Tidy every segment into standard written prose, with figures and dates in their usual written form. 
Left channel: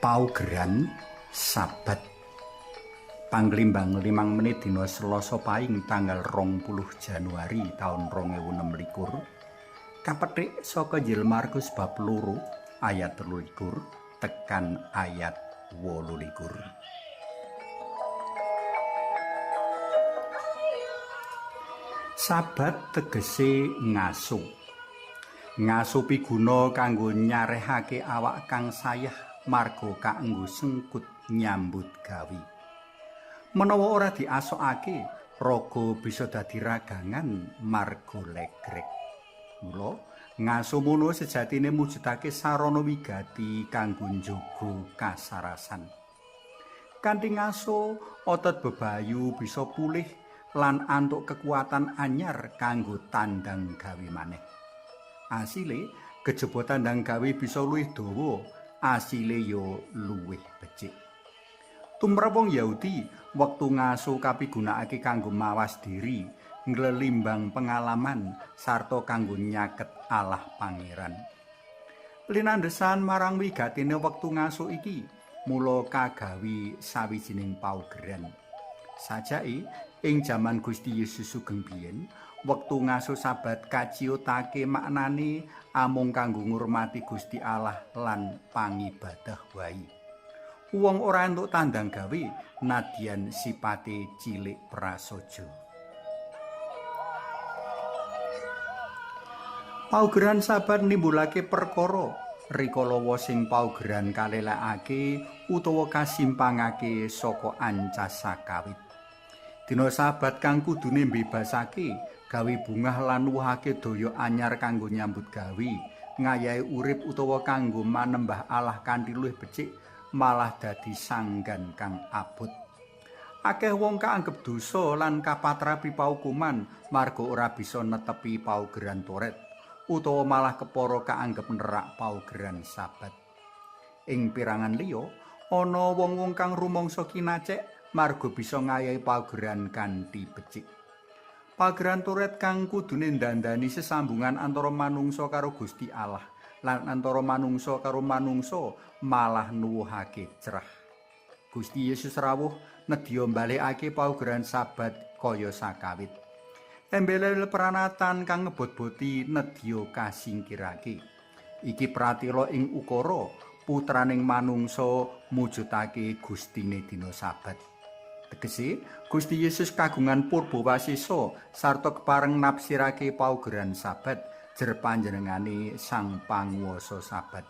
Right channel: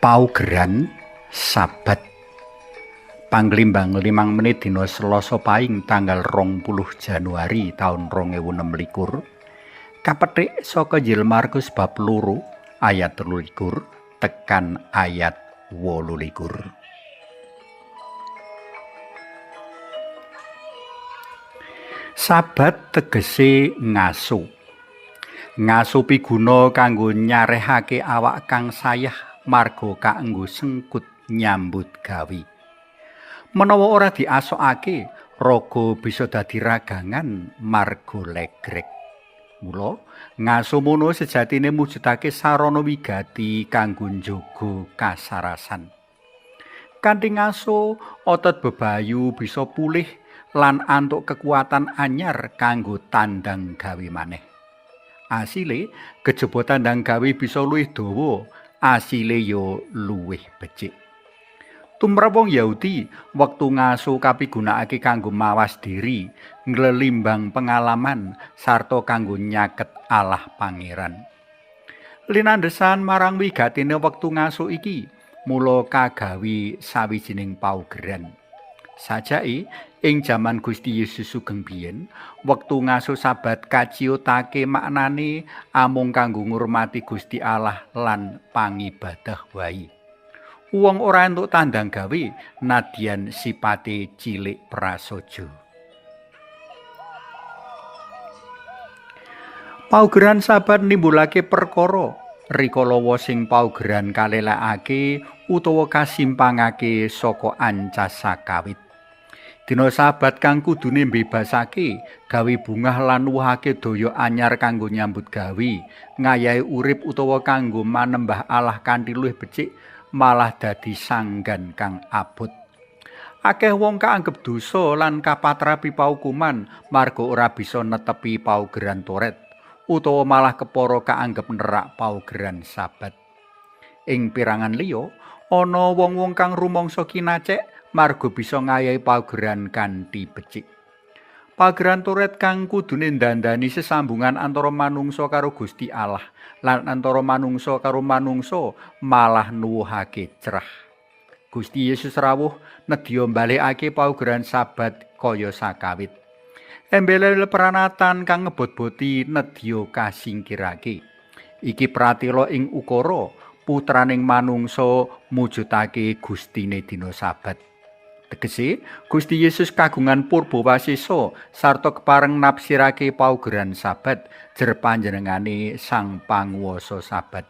Paugeran Sabat Panglimbang 5 menit dina Selasa Pahing tanggal 20 Januari taun 2026 kapethik saka Injil Markus bab 2 ayat 23 tekan ayat 28. Sabat tegese ngaso. Ngaso piguna kanggo nyarehake awak kang sayah marga kanggo sengkut nyambut gawe. Menawa ora diasokake, raga bisa dadi ragangan marga legrek. Mula ngaso mono sejatine mujudake sarana wigati kanggo njaga kasarasan. Kanthi ngaso, otot bebayu bisa pulih lan antuk kekuatan anyar kanggo tandang gawe maneh. Asile kejaba tandang gawe bisa luwih dawa, asile ya luwih becik. Tumrap wong Yahudi, wektu ngaso kapigunakake kanggo mawas diri, nglelimbang pengalaman sarta kanggo nyaket Allah Pangeran. Linandhesan marang wigatine wektu ngaso iki, mula kagawi sawijining paugeran. Sajake ing jaman Gusti Yesus sugeng biyen, wektu ngaso Sabat kaciyutake maknane amung kanggo ngurmati Gusti Allah lan pangibadah wae. Wong ora entuk tandang gawe nadyan sipate cilik prasaja. Paugeran Sabat nimbulake perkara rikala sing paugeran kalelakake utawa kasimpangake saka ancas sakawit. Dina Sabat kang kudune mbebasake, gawe bungah lan nuwuhake daya anyar kanggo nyambut gawe, ngayahi urip utawa kanggo manembah Allah kanthi luwih becik, malah dadi sanggan kang abot. Akeh wong kaanggep dosa lan kapatrapi paukuman marga ora bisa netepi paugeran Toret, utawa malah kepara kaanggep nerak paugeran Sabat. Ing pirangan liya, ana wong-wong kang rumangsa kinacek marga bisa ngayahi paugeran kanthi becik. Paugeran Toret kang kudune ndandani sesambungan antara manungsa karo Gusti Allah lan antara manungsa karo manungsa malah nuwuhake cerah. Gusti Yesus rawuh nedya mbalekake paugeran Sabat kaya sakawit. Embel pranatan kang ngebot-boti nedya kasingkirake. Iki pratela ing ukara putraning manungsa mujudake Gustine dina Sabat. Tegese Gusti Yesus kagungan purba wasesa sarta kepareng nafsirake paugeran Sabat jer panjenengane Sang Panguwasa Sabat.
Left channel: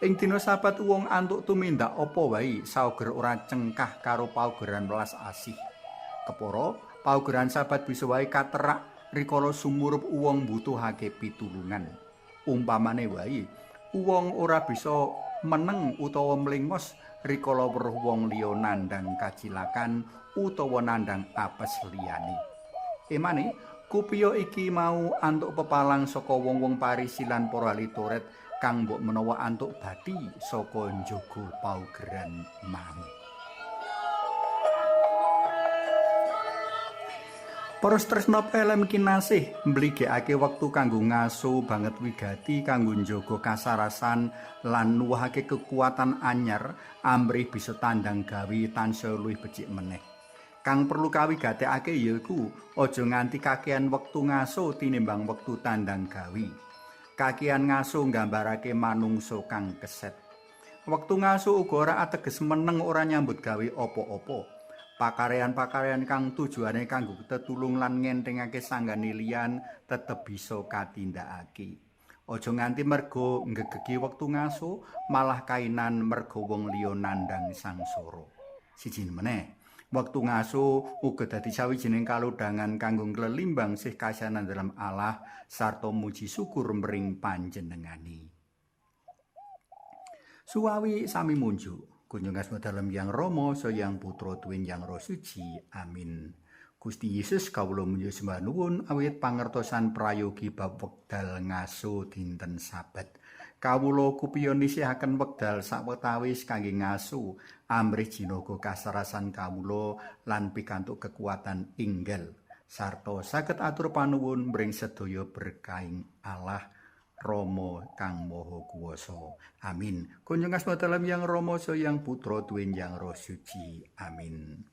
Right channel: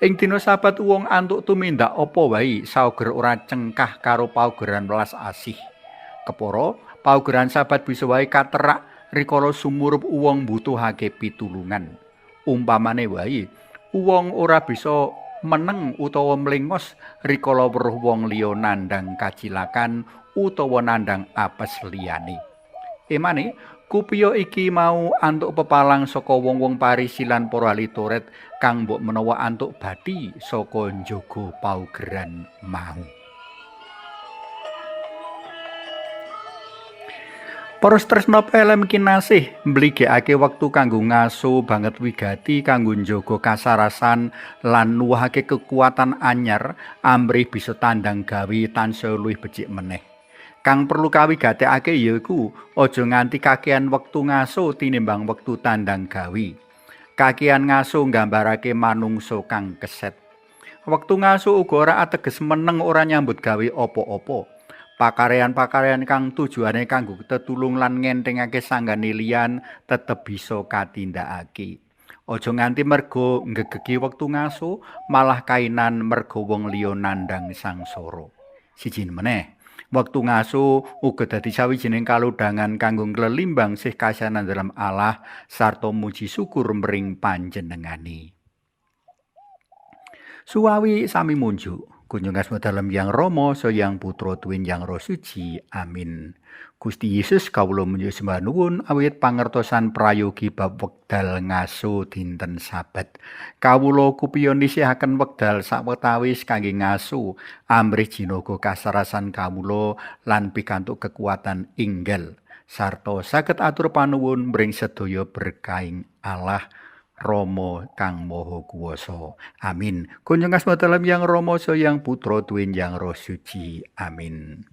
Ing dina Sabat wong antuk tumindak apa wae sauger ora cengkah karo paugeran welas asih. Kepara paugeran Sabat bisa wae katerak rikala sumurup wong mbutuhake pitulungan. Umpamane wae wong ora bisa meneng utawa mlengos rikala weruh wong liya nandhang kacilakan utawa nandhang apes liyane. Emane kupiya iki mau antuk pepalang saka wong-wong Parisi lan para ahli Toret kang mbok menawa antuk bathi saka njaga paugeran mau. Para tresna pelem kinasih mbligekake wektu kanggo ngaso banget wigati kanggo njaga kasarasan lan nuwuhake kekuatan anyar amrih bisa tandang gawe tansaya luwih becik meneh. Kang perlu kawigatekake yaiku aja nganti kakehan wektu ngaso tinimbang wektu tandang gawe. Kakehan ngaso nggambarake manungsa kang keset. Wektu ngaso uga ora ateges meneng ora nyambut gawe apa-apa. Pakarean-pakarean kang tujuane kanggo tetulung lan ngentengake sanggane liyan tetep bisa katindakake. Aja nganti merga nggegeki wektu ngaso malah kainan merga wong liya nandhang sangsara. Siji meneh, wektu ngaso uga dadi sawijining kalodhangan kanggo nglelimbang sih kasihanan dalam Allah sarta muji syukur mring panjenengane. Suwawi sami munjuk. Kunjung asma dalam Yang Rama Sayang Putra Tuwin Yang Roh Suci. Amin. Gusti Yesus kawula munjuk sembah nuwun awit pangertosan prayogi bab wekdal ngaso dinten Sabat. Kawula kupiya nisihaken wekdal sawetawis kangge ngaso amrih jinaga kasarasan kawula lan pikantuk kekuatan inggal sarta saged atur panuwun mring sedaya berkahing Allah Rama kang Maha Kuwasa. Amin. Kunjung asma dalam Yang Rama Sang Yang Putra Tuwin Yang Roh Suci. Amin.